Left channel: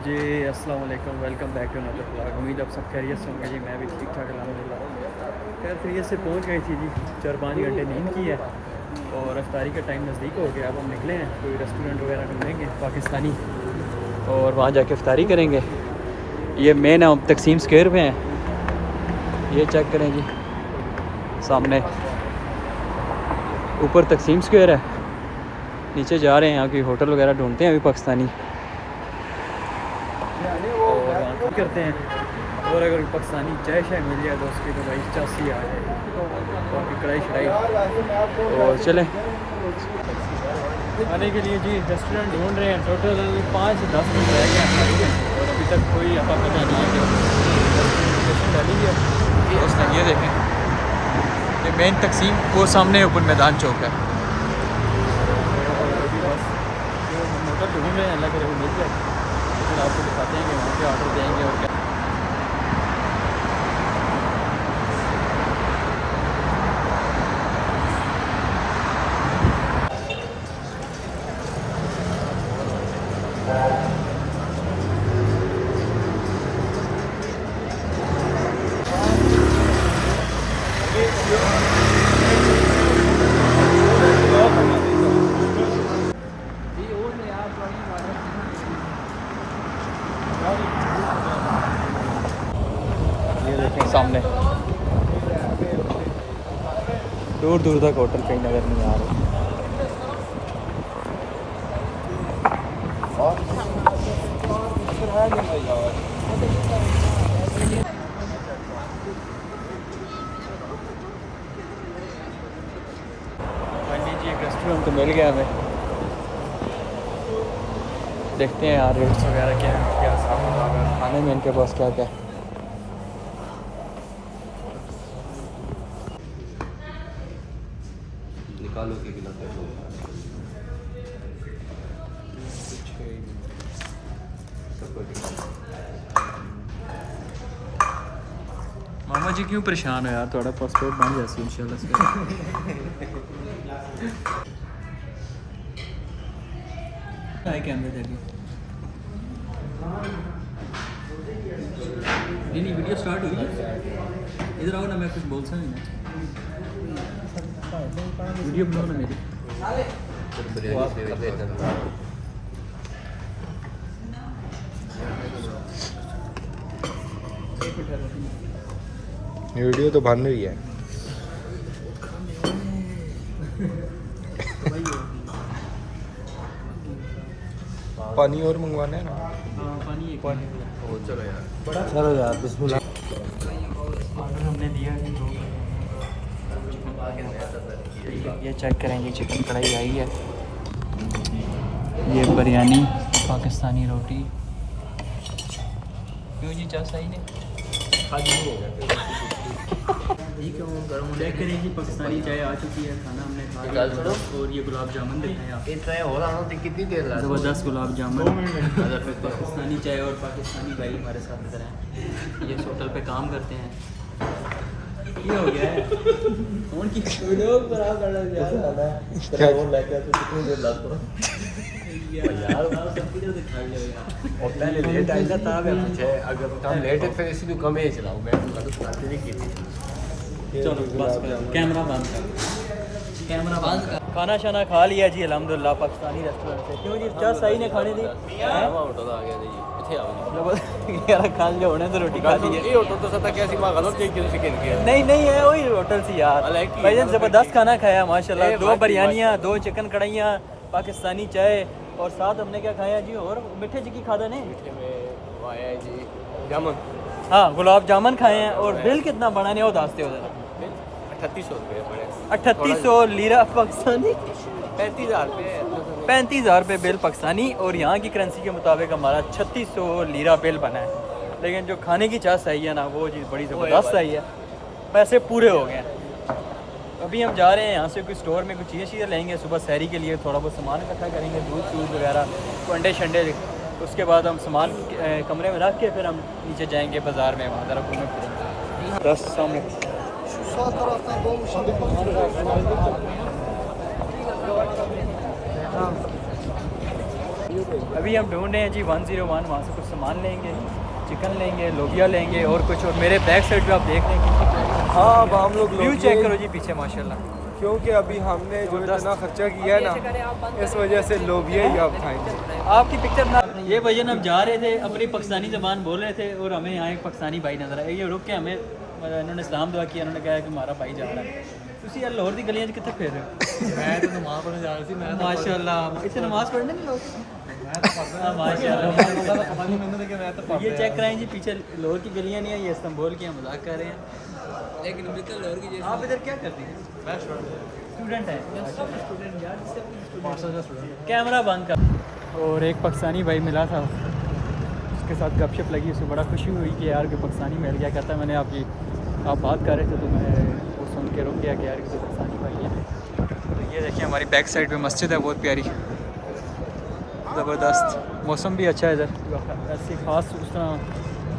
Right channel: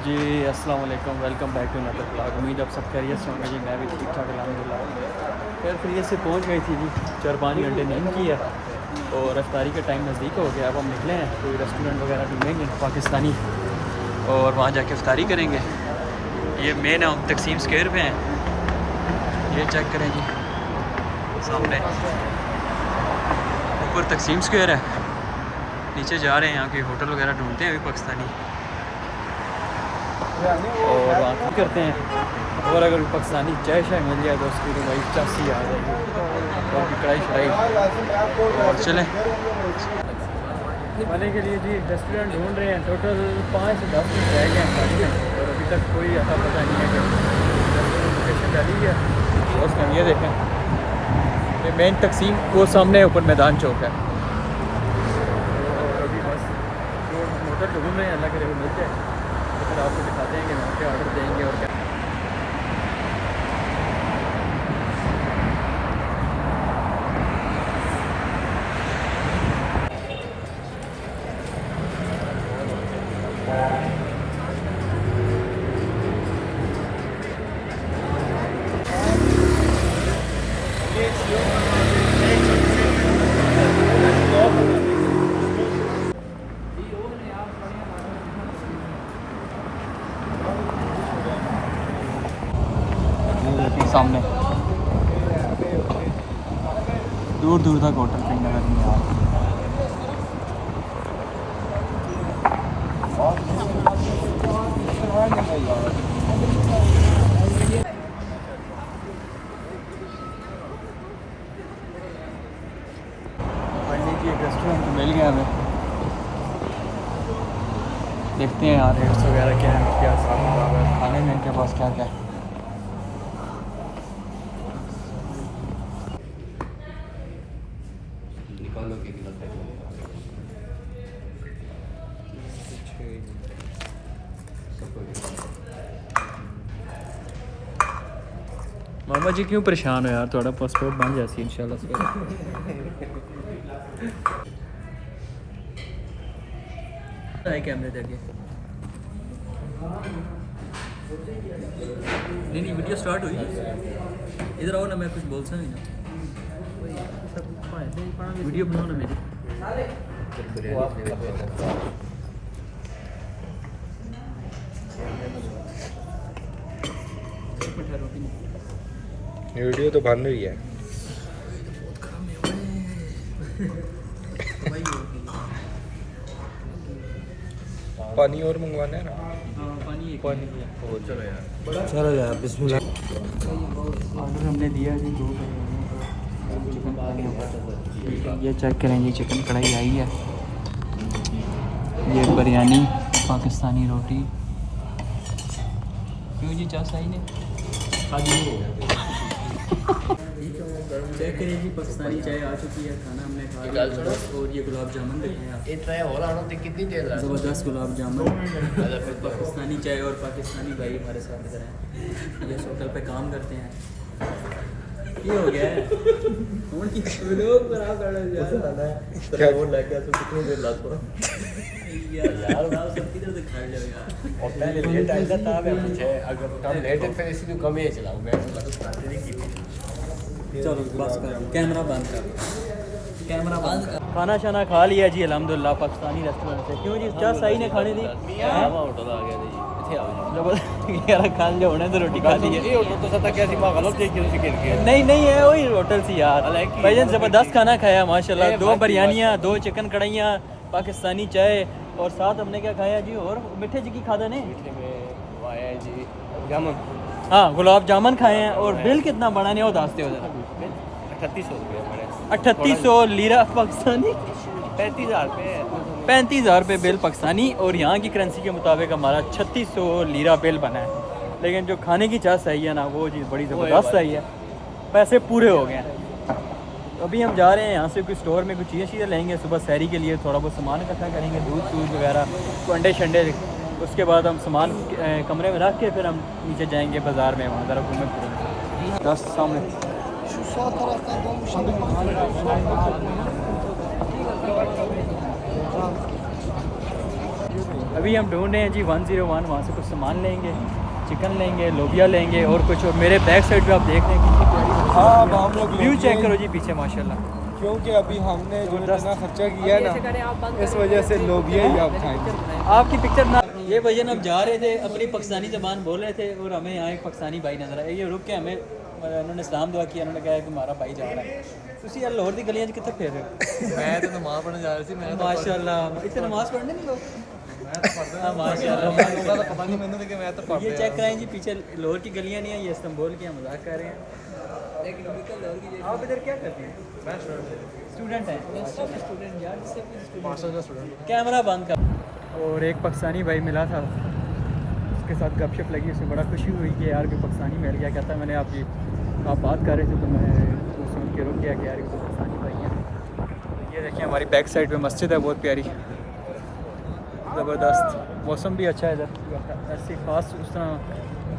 जी अस्सलाम वालेकुम, welcome back to another vlog. उम्मीद आप सब खैरियत से होंगे जी। मैं भी ठीक ठाक अल्हम्दुलिल्लाह। खैर खैरियत से पहुंच गई थी जी। 4-5 घंटे नींद की है और इफ्तारी का टाइम नज़दीक हो गया। अब हम निकले हैं, कोई रेस्टोरेंट वगैरह ढूंढेंगे पाकिस्तानी और वहाँ जाके इफ्तारी करेंगे। ये मेन है, हम तकसीम स्क्वायर पे हैं। ये चेक करें जी, सामने ऊपर तकसीम स्क्वायर है, नीचे जा रहे हैं। यहाँ की होटल वगैरह ढूंढते हैं अभी पाकिस्तानी और वहाँ करते हैं। और अगर पाकिस्तानी चाय शाय मिल जाए तो उसकी तो भाई चासी आ जाएगी और भी कढ़ाई शढ़ाई। और चलें खाने के लिए जी रेस्टोरेंट ढूंढ रहे हैं। टोटल 5 से 10 मिनट रह गए हैं खाने में और अभी तक कोई अफा पता नहीं है कि रेस्टोरेंट लोकेशन डाली है। तो उसने ये देखें, ये मेन तकसीम वो सामने ऊपर मैदान चौक है। और अभी बस जो हम होटल ढूंढ रहे हैं अल्लाह करे वो मिल जाए तो फिर आपको दिखाते हैं कि वहाँ पे ऑर्डर देंगे और क्या। ये देखें सामने दूर दूर तक होटल कहीं नज़र नहीं आ रहे। फाइनली जी एक रेस्टोरेंट तो मिल गया हमें। देखते हैं यार रेट्स वगैरह क्या है, क्या हिसाब किताब है खाने में इनके पास क्या क्या है। निकालोगे कि लगता है मामा जी क्यों परेशान हो यार, थोड़ा पासपोर्ट बन जाए इंशाल्लाह से। कैमरे देखे नहीं वीडियो स्टार्ट हुई। इधर आओ ना, मैं कुछ बोल सकता नहीं। वीडियो बनाओ ना मेरी। ये वीडियो तो बन रही है। पानी और मंगवाना है ना। हाँ पानी चलो यार बिस्मिल्लाह। ऑर्डर हमने दिया है 2। ये चेक करेंगे, चिकन कढ़ाई आई है। ये बिरयानी, पाकिस्तानी रोटी। क्यों जी चाय सही नहीं चेक करिए जी, पाकिस्तानी चाय आ चुकी है। खाना हमने खा लिया और ये गुलाब जामुन दिखाएं आप। कितनी देर ज़बरदस्त गुलाब जामुन। पाकिस्तानी चाय और पाकिस्तानी भाई हमारे साथ नजर हैं। ये इस होटल पे काम करते हैं। ये हो गया है उनकी वीडियो खराब करना यार और लेके आ तो कितनी देर लगता यार बाहर सब किधर से खा ले यार। और पहले लेट आएगा तब है अगर हम लेट है फिर इसी भी कम ही चलाऊंगा। चलो बस कैमरा बंद कर, कैमरा बंद कर। खाना शाना खा लिया जी अल्हम्दुलिल्लाह पाकिस्तानी रेस्टोरेंट से। क्यों जी चाह सही ने खाने दी होटल आ गया जी इथे आओ जी। जबरदस्त यार खा लिया होने तो रोटी खा ली है। ये होटल तो सता कैसी मां गलत देख के सिकन के नहीं नहीं है वही होटल से यार। भाईजान जबरदस्त खाना खाया माशाल्लाह। 2 बिरयानियाँ, 2 चिकन कढ़ाइयाँ, पाकिस्तानी चाय और साथ हमने क्या खाया जी। और मीठे जी की खादा ने मीठे में वो आया है जी जामुन। हाँ गुलाब जामुन खाए हैं। और बिल कितना बड़ा ने वो दास्ते हो जरा। 3800 रुपये बड़े 3800 लीरा पाकिस्तानी, 35,000 रुपये 35,000 रुपये बिल पाकिस्तानी। और यहाँ की करेंसी के मुताबिक हमारा 3600 लीरा बिल बना है। लेकिन जो खाने की चाह सही है ना वो चीज़ बड़ी ज़बरदस्त सही है। पैसे पूरे हो गए हैं। अभी हम जा रहे हैं यहाँ से कोई स्टोर में कुछ चीज़ें लेंगे सुबह सहरी के लिए। थोड़ा बहुत सामान इकट्ठा करेंगे, दूध शूध वगैरह, अंडे शंडे। उसके बाद हम सामान कमरे में रख के फिर हम नीचे जाएंगे बाज़ार में, वहाँ ज़रा घूमे फिरेंगे। 10 सामने अभी हम ढूंढ रहे हैं जी 101, वहाँ से कुछ सामान लेंगे, चिकन लेंगे, लोबिया लेंगे और कुछ। और मेरे बैक साइड पे आप देख रहे हैं कितनी प्यारी। हाँ अब हम लोग व्यू चेक करो जी पीछे माशाल्लाह। क्योंकि अभी हमने जो इतना खर्चा किया है ना, इस वजह से लोबिया ही आप खाएंगे। आपकी पिक्चर ना, ये भजन हम जा रहे थे अपनी पाकिस्तानी ज़बान बोल रहे थे और हमें यहाँ एक पाकिस्तानी भाई नजर आए। ये रुक के हमें इन्होंने सलाम दुआ किया, उन्होंने कहा कि हमारा भाई जा रहा है। तुसी यार लाहौर दी गलियां च कित्थे फिर रहे हो? मैं तो नमाज पढ़ने जा रही थी। मैं माशाल्लाह इत्थे नमाज पढ़ने नहीं लोग? मैं तो पढ़दा माशाल्लाह। पता नहीं मैंने देखे मैं तो पढ़दा। ये चेक कराएं जी पीछे लाहौर की गलियां नहीं है, ये इस्तांबुल की। हम मजाक कर रहे हैं लेकिन अभी तक लाहौर की। आप इधर क्या करते हैं? मैं स्टूडेंट है। स्टूडेंट यार, मास्टर का स्टूडेंट। कैमरा बंद कर। और एक पाकिस्तानी भाई मिला था, उसके साथ गपशप लगी, उसमें बड़ा खुशी हुई कि यार कोई पाकिस्तानी मिल गया। कहता है मैंने आप बात कर रहे थे तो मैं वो सुन के रुक गया कि यार इसको पाकिस्तानी भाई है। ये देखिए हमारी बैक साइड पे मस्जिद है बहुत प्यारी, ज़बरदस्त। मौसम भी अच्छा है इधर, ऐसी ख़ास उस तरह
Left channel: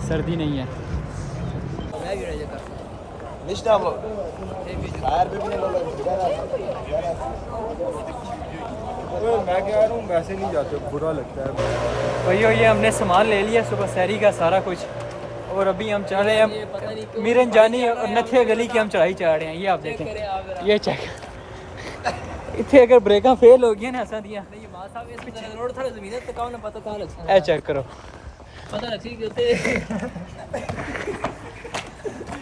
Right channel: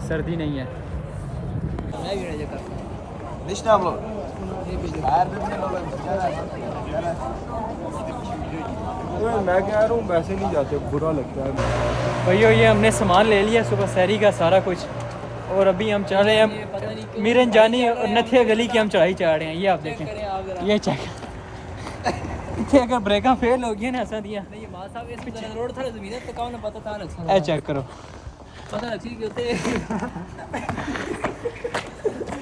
सर्दी नहीं है। मैं कह रहा हूँ वैसे नहीं जाते, बुरा लगता है। वही ये हमने सामान ले लिया सुबह सहरी का सारा कुछ, और अभी हम चल रहे हैं मीरन जानी और नथिया गली की हम चढ़ाई चढ़ रहे हैं। ये आप देखें, ये चेक इतने अगर ब्रेक फेल हो गया ना ऐसा दिया रोड था ज़मीन पे कौन पता था लगता है। चेक करो पता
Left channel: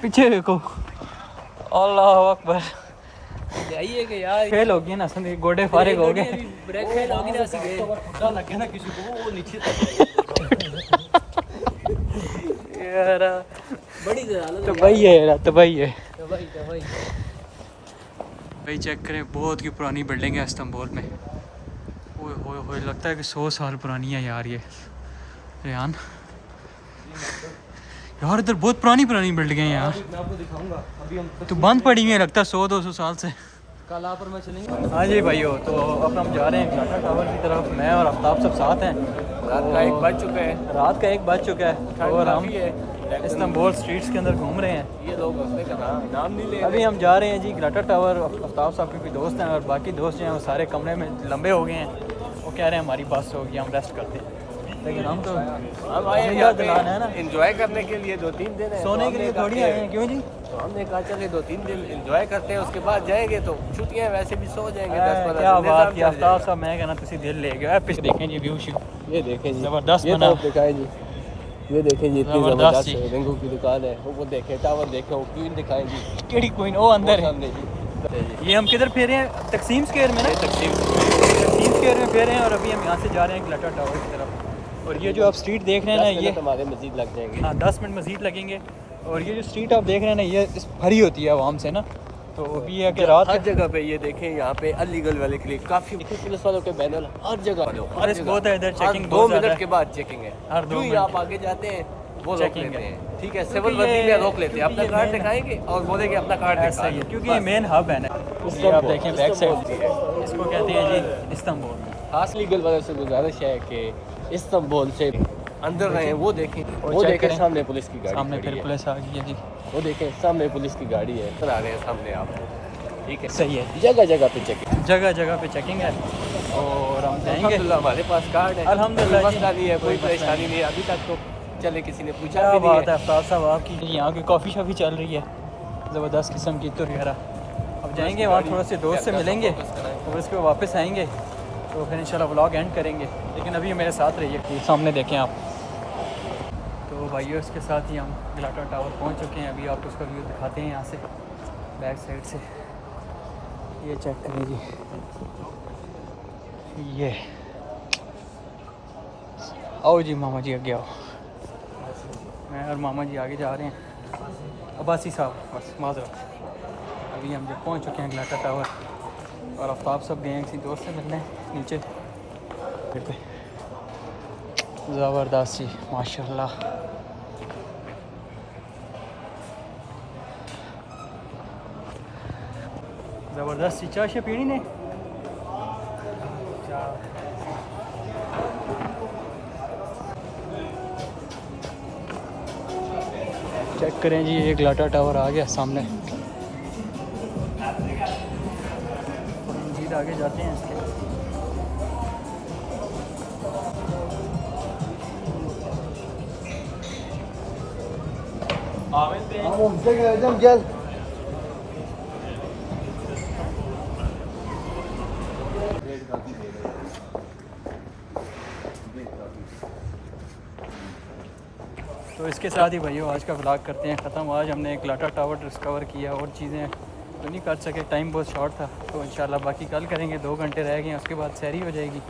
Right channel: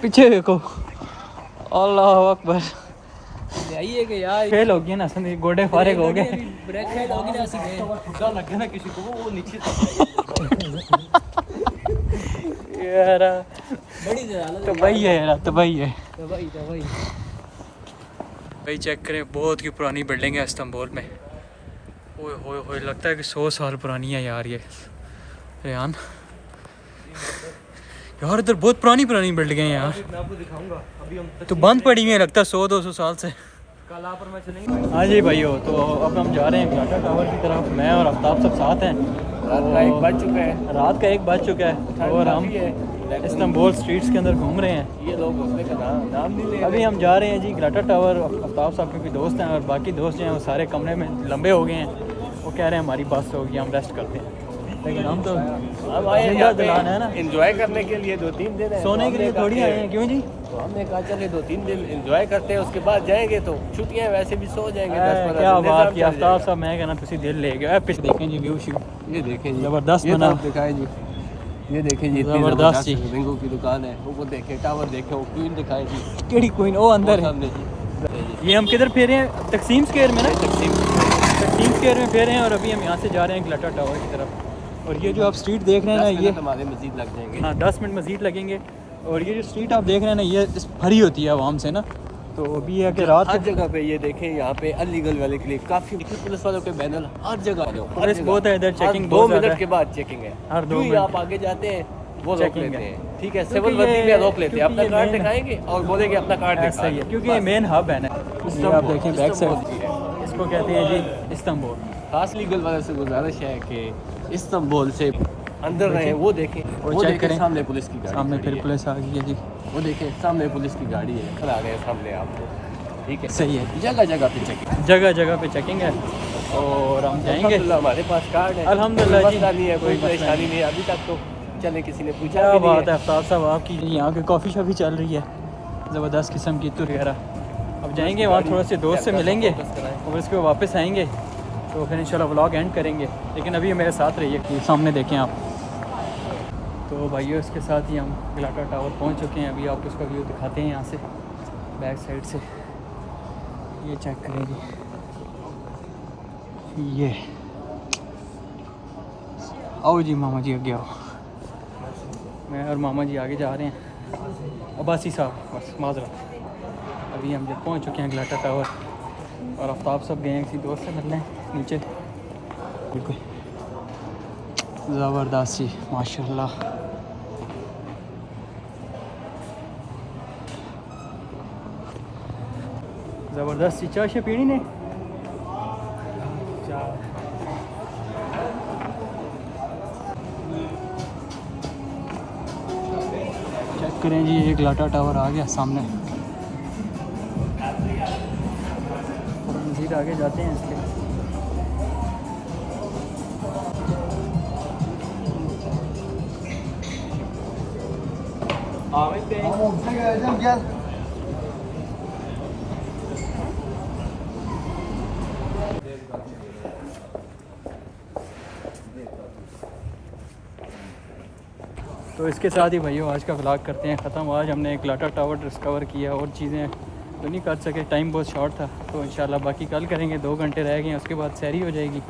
पीछे देखो, अल्लाह अकबर। यही कि यार फेल हो गया ना, संदीप गोडे फारिग हो गए। ब्रेक फेल हो गई ना, ऐसे गए खुदा लगे ना किसी को वो नीचे यार बड़ी हालत तो भाई है यार, तो भाई है भाई। चेक करें बहुत की पुरानी बिल्डिंग है इस्तांबुल में। ओए होए होए लगता है कि 100 साल पुरानी है यार ये। रेहान यार इधर बहुत पुरानी बिल्डिंग है यार, मैं आपको दिखाऊंगा। अभी हम तो बंद पड़ी हुई है लगता है 100-200 साल से। कल आप और मैं चलेंगे। हाँ जी भाइयों, तो अब हम जा रहे हैं घाटा टावर की तरफ। मैं और आफ्ताब सब साथ हैं। रात का 1 बज चुका है। रात का 1 बज चुका है और हम इस्तांबुल स्ट्रीट्स के अंदर घूम रहे हैं। ये लोग अपने का नाम नहीं ले। अभी हम जा रहे हैं जी घाटा टावर। आफ्ताब साहब के भी दोस्त हैं और बाकी दोस्त जो हैं वो सारे कमरे में लंबे हो गए हैं। वो कह रहे हैं हमारी बस होगी, हम रेस्ट करते हैं। लेकिन हम तो हम आए यहाँ पे है ना एंजॉय करने के लिए 2-3 दिन है। सोने के लिए थोड़ी आए हैं। क्यों जी? तो हमने कहा चले 2-3 दिन एंजॉय करते हैं, उसके बाद जाएंगे तो छुट्टियां वैसे भी सो जाएंगे। 10-15 क्या दिन बात की आफ्ताब साहब, मैं कहना तुसी दिल ले गए। पीछे देखें जी व्यू शू, ये देखें जी जबरदस्त ये बना। तरफ दिखाएं जी, ये देखें जी इतनी जबरदस्त जबरदस्त जी। रिंगों की दुकान है। वो देखें टावर देखें, वो क्वीन दिखाएं जी। केड़ी क्वीन? वो अंदर है। सामने जी। ये हम किधर फिर रहे हैं? तकसीम स्क्वायर में ना, तकसीम स्क्वायर में फिर रहे हैं। और अभी हम यहाँ से जा रहे हैं घाटा टावर की तरफ। और ये जो आप स्ट्रीट देख रहे हैं ना, ये हमारे मजीद लग जाएंगे। हाँ 10 मिनट मजीद लगेंगे। और ये जो स्ट्रीट आप देख रहे हैं ना, ये भरी होती है आवाम से ना। तो अभी ये कि रात हर जगह पे ये देखें, यहाँ पे अनलीगल वाले के लिए काफी पुलिस वालों के बैनर हर जगह। पुलिस बहुत है इधर, चेकिंग 2 बहुत ज़्यादा मिनट है। के बाद चेकिंग है। हर 2 जो ही मिनट आप आगे जाते हैं वो रोक चेकिंग लेते है। हैं। ठीक है, क्योंकि सिविल वर्दी में रोक लेते हैं, क्योंकि अपना ये कार्ड main- दिखाएंगे और बोलेंगे अपना कार्ड ऐसा ही है, दिखा। क्योंकि ये मेन हब है ना। ये आप देखें बैक साइड, इसको कहते हैं जी इस्तांबुल। खास लीगल वाले से गुजारिश है कि इस्तांबुल से अंदर रहे। वो देखें, वो चेक देखें करें। सामने पुलिस की गाड़ी सामने खड़ी फिर है। पुलिस आ गई है जी। वो देखें सामने पुलिस की गाड़ी है, आ रहे हैं सामने आपको। ठीक है, सही है, जगह जगह पे चेकिंग, जगह जगह पे चेकिंग है। और हम जाएंगे अल्हम्दुलिल्लाह हमारे पास कार्ड है। अल्हम्दुलिल्लाह कोई जी, मसला नहीं है, कोई मसला परेशानी नहीं है अभी तक। तो चले किसी ने पूछा क्या भी नहीं बात है है। आफ्ताब साहब आपकी। यहाँ की कॉफ़ी शॉप भी चल रही है, ज़बरदस्त किस्म की तुर वगैरह। अब जाएंगे वहाँ थोड़ा से दोस्त से मिलेंगे और उसके बाद वापस आएंगे। तो फिर इंशाल्लाह व्लॉग एंड करेंगे। लेकिन अभी मेरे साथ रहिए। सामने देखें आप। तो भाइयों इसके साथ ही हम घाटा टावर पहुँच चुके हैं। अभी आपको उसका व्यू दिखाते हैं यहाँ से बैक साइड से। ये चेक करें जी, ये आओ जी मामा जी आगे आओ। मैं और मामा जी आगे जा रहे हैं। अब्बासी साहब बस माजरत। अभी हम जब पहुंच चुके हैं घाटा टावर और आफ्ताब सब गए हैं किसी दोस्त से मिलने नीचे। ज़बरदस्त जी माशाल्लाह। ज़बरदस्त सी चाय पीनी ने। चेक करें जी, ये घाटा टावर आ गया सामने। और मज़ीद आगे जाते हैं इसके। तो इसके साथ ही भाइयों आज का व्लॉग करते हैं ख़त्म। आज हमने एक लाटा टावर डिस्कवर किया और चीज़ें तो नहीं कर सके, टाइम बहुत शॉर्ट था। तो इंशाल्लाह बाकी कल करेंगे, 2 घंटे रह गए, उसके बाद सैरी हो जाएगी।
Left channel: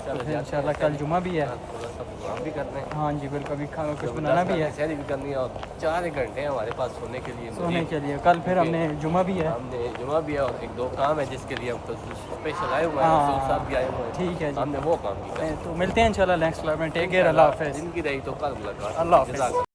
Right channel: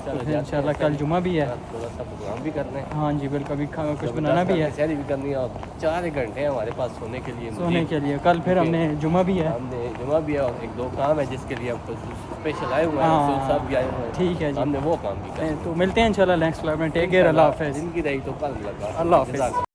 तो फिर इंशाल्लाह कल जुमा भी है, थोड़ा सा प्रोग्राम भी करना है। हाँ जी बिल्कुल, अभी कुछ बनाना भी है, सैरी भी करनी है और 4 घंटे हैं हमारे पास सोने के लिए। सोने के लिए कल फिर हमने जुमा भी है, हमने जुमा भी है और 1-2 काम है जिसके लिए हम स्पेशल आए हुए हैं। हाँ, रसूल साहब भी आए हुए हैं। ठीक है जी, हमने वो काम भी करना है। तो मिलते हैं इंशाल्लाह नेक्स्ट व्लॉग में। टेक केयर, अल्लाह हाफिज़। जिंदगी रही तो कल मुलाकात। अल्लाह हाफिज़।